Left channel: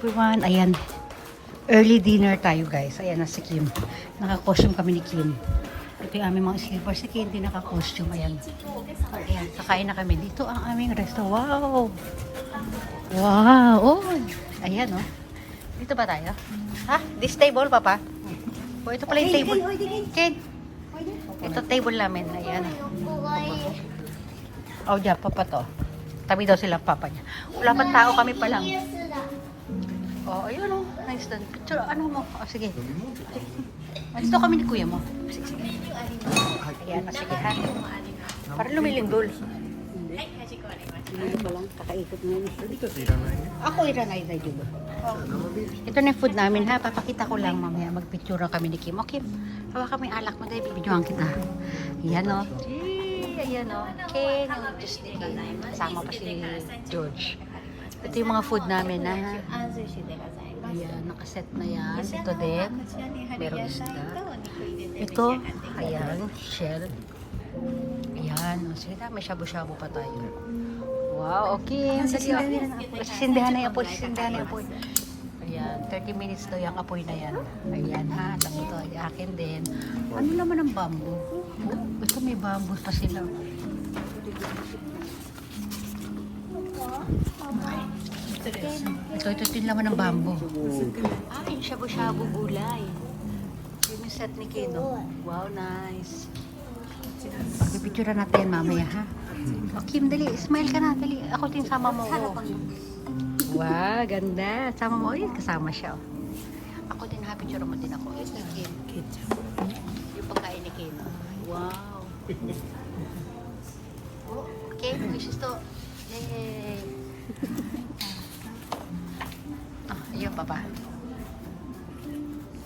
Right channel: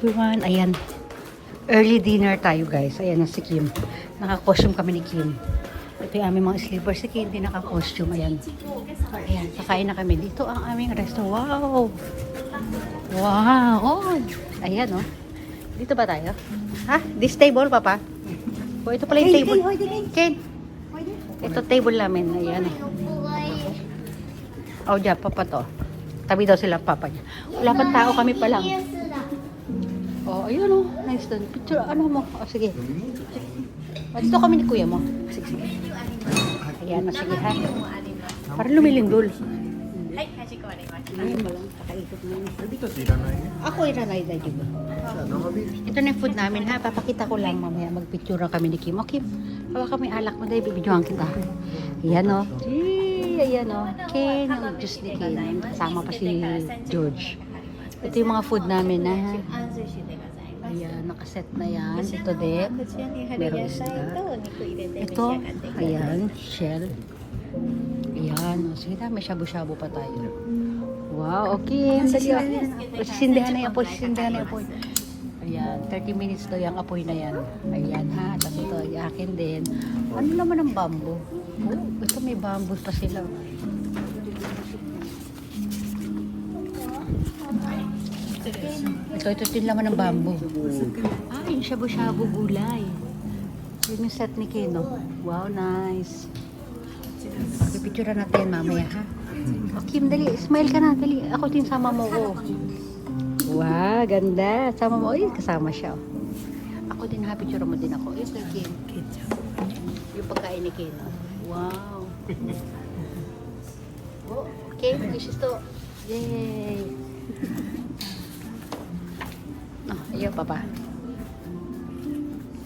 everyone. Ayan. Early dinner tayo guys. Ayan na si Kim. Naka-costume kami ni Kim. Ito yung aming mga slippers. Si Kim din naka-costume. Ayan. Ayan. Kakain na kami. Dito ang aming restaurant. Wow! Wow! Oh! Ayan oh. Dito ba tayo? Ha? This table, Papa? Oh, ito pala yung table. Kate! Ito table namin. Ayan. Oh, dyan. Papa to. Tabi daw sila Papa niya. Wala pa tao kami pa lang. Oh, ayun. Nice doon. Picture. Ano mo? Oh, sige. Dito kami ni Kuya mo. Ayan. Ano lumilindol? Ayun ba lang? Kakaikot na yun. Ako iranay tayo, diba? Ito na yung food namin ha. Papakita ko lang mamaya. Magpicture kami ni Kim. Okay. Hawa kami alak mo dahil bibidyohan kita. Ayan o. Ayan o. King. Just ni Kim. Kasama pa si George. Ito yung mga food namin na. Ayan. Nakaset na yan. Ito din. Meron isda. Ito. Ayan. Shell. Ayan. Sige na. May shabu-shabu pa tayo. Wow. Okay. Sindahan ni Apple. Sindahan ni Apple. Ayan, 30 minutes to yung apoy na yan. Ayan ha, tapos ito, akin din. Ano naman ang bamboo? Basta may bamboo pa sila. Ito yung laman ng bamboo. Ah, yung shabu-shabu gulay. Ito yung set ni Kino. Wow, nice. Pipicture natin mamaya ha. Oh, Kim, dali. Smile ka na, dali. Ako din sama mo. Wow, ganda. Sama mo. Uy, kasama siya. Ako din, happy picture mo din ako. Yung pagkain ni Ken. Wow. Okay, this is to. Yay. Ayan pa ba?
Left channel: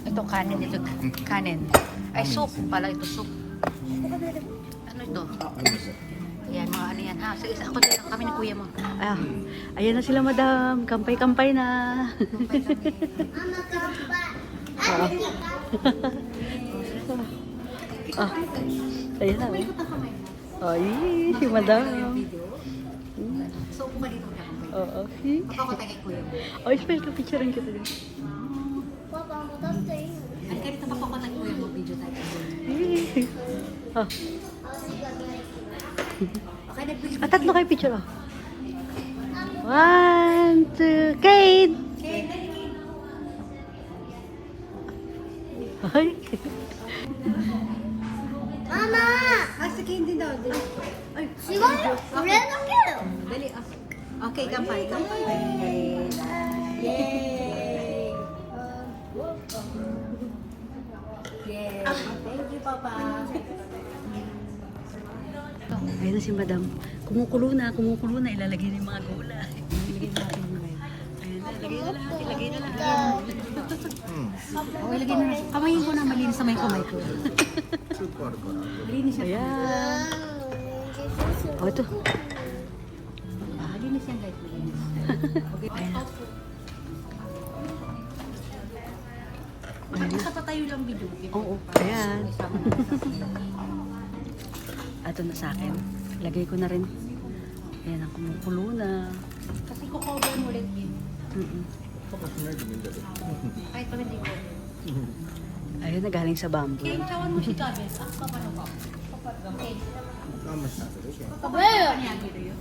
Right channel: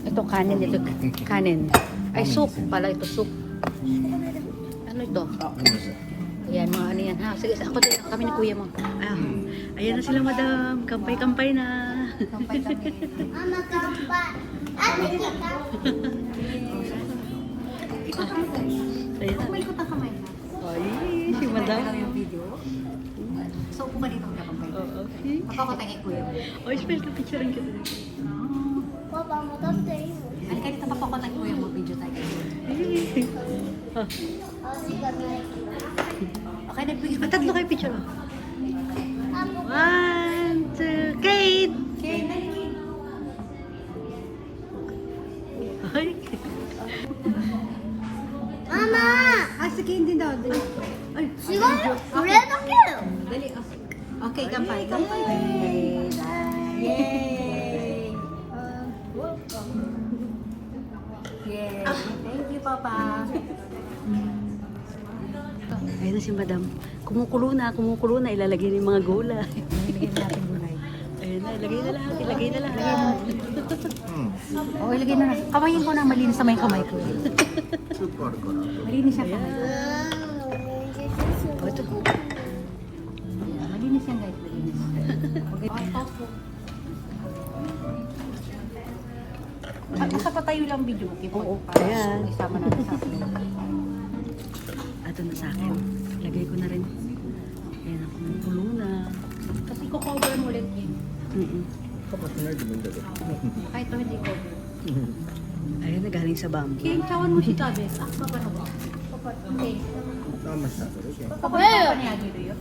Ito kanin, ito kanin. Ay, soup. Pala ito soup. Ano ito? Ayan, mga ano yan. Ah, sige, ako din. Kami ni Kuya mo. Ah, ayan na sila, madam. Kampay-kampay na. Kampay-kampay. Mama, kampay. Ayan na. Ay, si madam. So, kumalit ako na kampay. Oo, see? Mapakotay kay Kuya mo. Ay, smell ka, picturean kita din. Ay, kanita mapakotay kay Kuya mo. Video tayo kay Kuya. Ah. Okay, nag-video. Tatlo kayo picture, oh. 1, 2, Kate! Ay! Mama! Ah, sige, hindi daw. Ay, Wala na kayo. dali. Okay, kampay. Yay! Yay! Thank you, Papa. Ayun na si madam. Kumukulo na, ilalagay na yung mga gula. Ayun na, ilagay na lahat, Oh, ilagay na. Kamayin ko na, malinis sa may kamay ko. Malinis siya. Ayan. Oh, ito. Malinis yan, guys. Malinis. At isa pa tayo lang video. Oo, ayan. Isama na sa akin. Ito na sa akin. Lagay ko na rin. Ayan, ang kumukulo na. Kasi kukumbar mo ulit yun. Kahit pa hindi ko. Ayun na, galing sa bamboo. Tawan mo si Tabe. Ah, papano ba? Okay. Papano niya dito yun?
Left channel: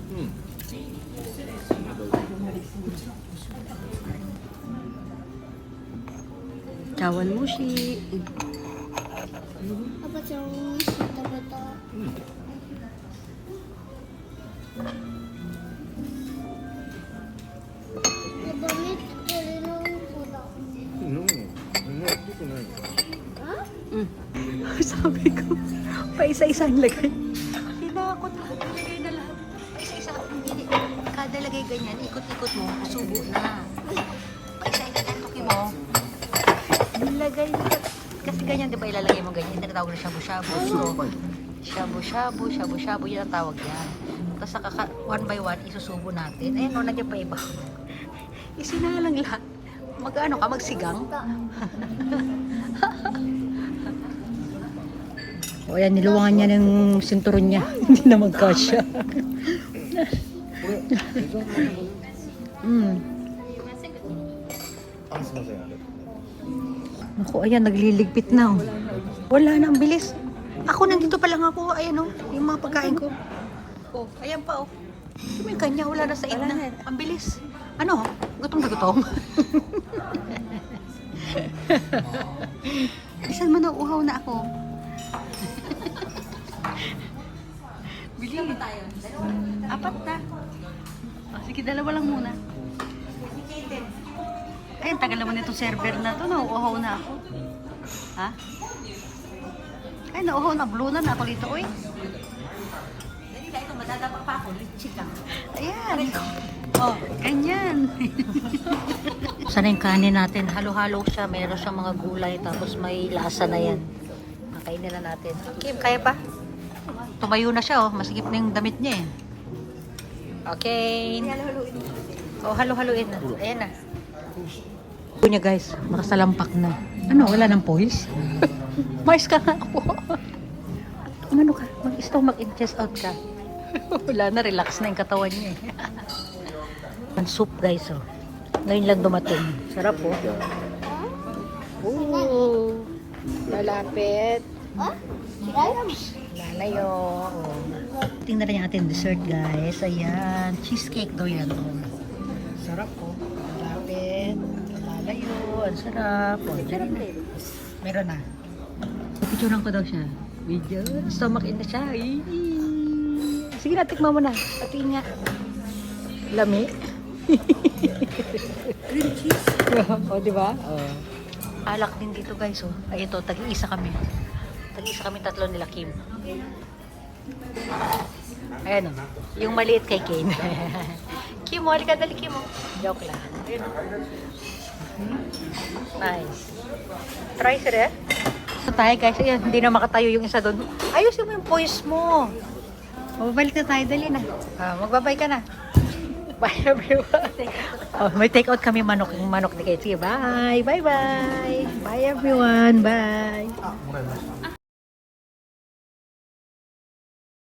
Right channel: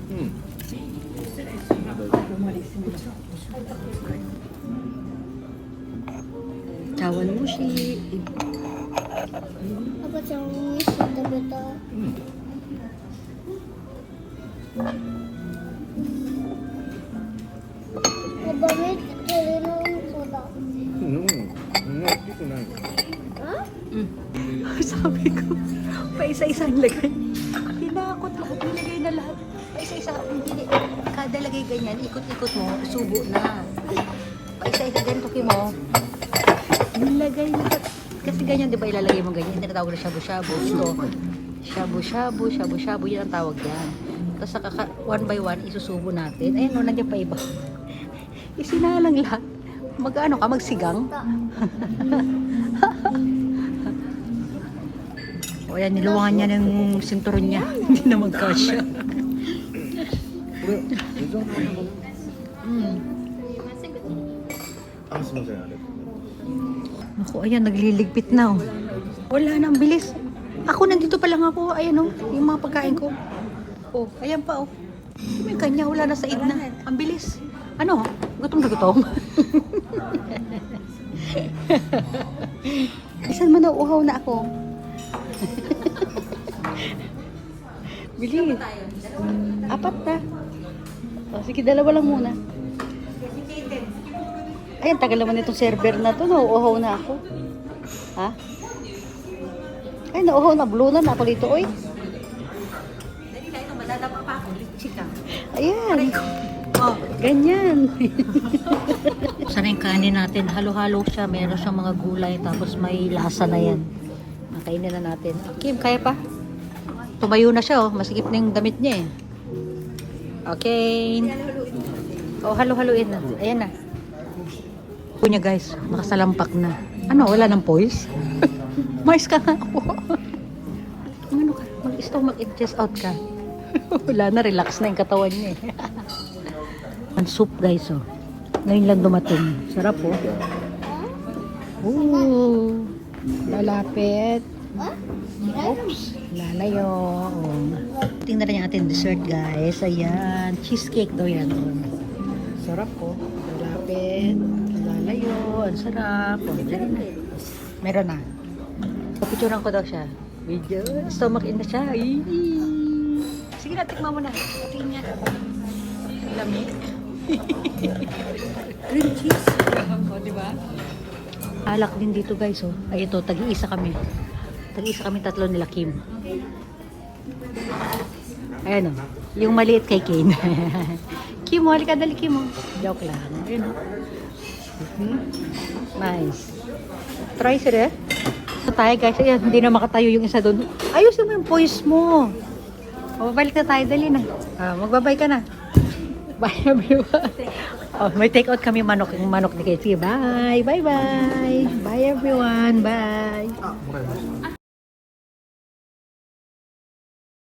Cawan mo si... Apa cakap kita Nabamit ko rin ang soda. Sabi ko, pa isa-isang lagay. Tinakot ako. Pinagay na lahat. Isa-isa. Hindi. Kada lagay ganyan, ikot-ikot mo, subo na. Isa-isa ganito mo. Nilagay mo. Kasi ganyan, di ba ilalagay mo ganyan? Tinatawag na shabu-shabu. Shabu-shabu, yan ang tawag yan. Tapos one by one, isusubo natin. Ayun, nandiyan pa iba. Isinalang lahat. Mag-ano ka, magsigang? O yan, niluwangan niya ng sinturon niya. Hindi na magkasya. Naku, ayan, nagliligpit na. Oh. Wala na, ang bilis. Ako, nandito pa lang ako. Ayan, oh, yung mga pagkain ko. Oh, ayan pa, oh. May kanya, wala na sa na. Ang bilis. Ano? Gutom na gutom. Saan mo nauuhaw na ako? Bilis. Apat na. O, sige, dalawa lang muna. Ayan, tagal naman itong server na to. Nauuhaw na ako. Ha? Ay, nauuhaw na. Blue na ako dito, oy. Dali ka, ito madadapa pa ako. Chika. Ayan. Oh, ganyan. Sana yung kanin natin. Halo-halo siya. Meron siyang mga gulay. Tapos may lasa na yan. Okay na natin. Kim, kaya pa? Tumayo na siya, oh. Masigip na yung damit niya, eh. Okay. Oh, halo-haloin na. Ayan na. Ito niya, guys. Basta lampak na. Ano, wala ng poise? Mais ka na. Ano ka? Mag-stomach and chest out ka. Wala na, relax na yung katawan niya, eh. Ang soup, guys, oh. Ngayon lang dumating. Sarap, oh. Malapit. Tingnan na yung ating dessert, guys. Ayan. Cheesecake daw yan. Sarap, oh. Malapit. Lalayo. Ang sarap. Oh, dyan na. Meron na. Picturean ko daw siya. Video. Stomach in na siya. Sige na, tikman mo na. Patingin niya. Lami. Green cheese. O, diba? Alak din dito, guys. Oh. Ito, tag-iisa kami. Tag-iisa kami tatlo nila, Kim. Ayan, oh. Yung maliit kay Kim. Kim, wali ka dali, Kim. Joke lang. Ayan, oh. Nice. Try sila, eh. Ito tayo, guys. Ayan, hindi na makatayo yung isa doon. Ayusin mo yung voice mo. Mabalik na tayo, dali na. Magbabay ka na. Bye, everyone. Oh, may take out kami manok. Yung manok ni Casey. Bye. Bye, bye. Bye, everyone. Bye.